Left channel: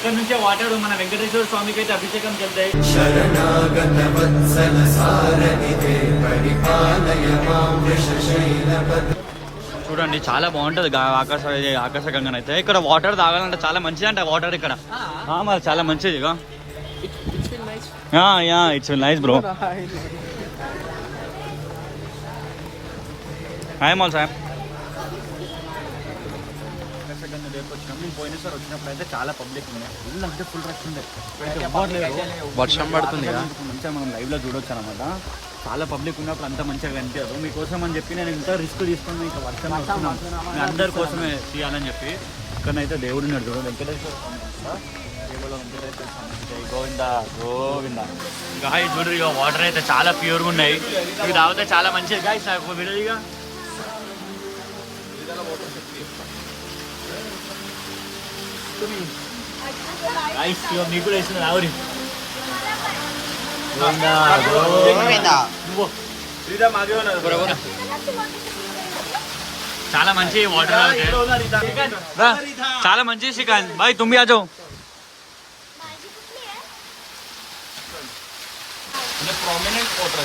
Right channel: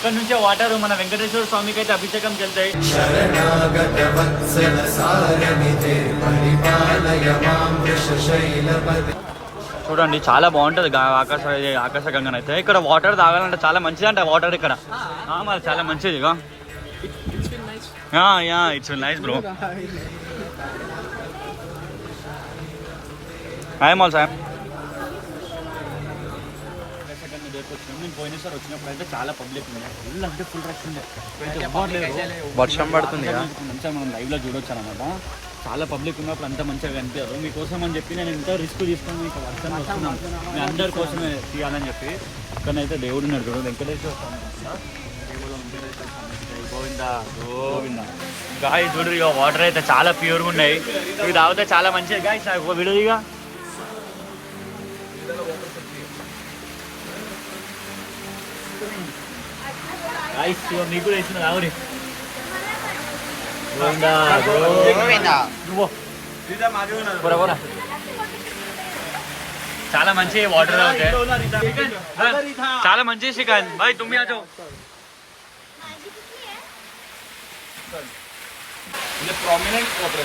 ఇక్కడ నుంచి ఆ వాటర్ మన వెంకటేశ్వర స్వామికి అయితే అభిషేకం చెందాయి. చూడండి చాలా బాగుంటది ఆకాశగంగా అయితే. ఇక్కడ వాటర్ తాగాలంటే చాలా మంచిది అంట వాటర్ ఇక్కడ. మరి చాలా మంచిది. It's nice bro. Hi mall sir. Akasaganga దగ్గరకు వచ్చినాం. నేను పోయినసారి వచ్చినప్పుడు అయితే చాలా పబ్లిక్ ఉంది, ఫుల్ అంటే ఫుల్ రష్ ఉండే. వర్షం పడుతుంది మంచిగా మనం లైవ్ లో చూడొచ్చు అనమాట. చాలా పబ్లిక్ ఉన్నప్పుడు అంత మంచిగా కనిపించారు. మీకోసం అని చెప్పి నేను ఇంత రిస్క్ తీసుకుని ఇంకా వర్షం వస్తున్నాను, మీ అందరి కోసమే తీయాలని చెప్పి. ఇక్కడైతే దేవుడు ఉన్నాడు చూడు, వెంకటేశ్వర గోవింద. గాయ చూడు ఇక వాటర్ అయితే చాలా ప్యూర్గా ఉన్నాయి. ఇవి తాగితే చాలా మంచిది. గాయస్ నాకు వీడియో ఇక గాయస్ నీకు కూడా ఇస్తున్నా రావురి. చాలా మంచి వాటర్ అవుతాయి, చాలా మంచి శ్రీకాంత్ భాయ్. తుమ్మి ఆ जाओ. prominent water.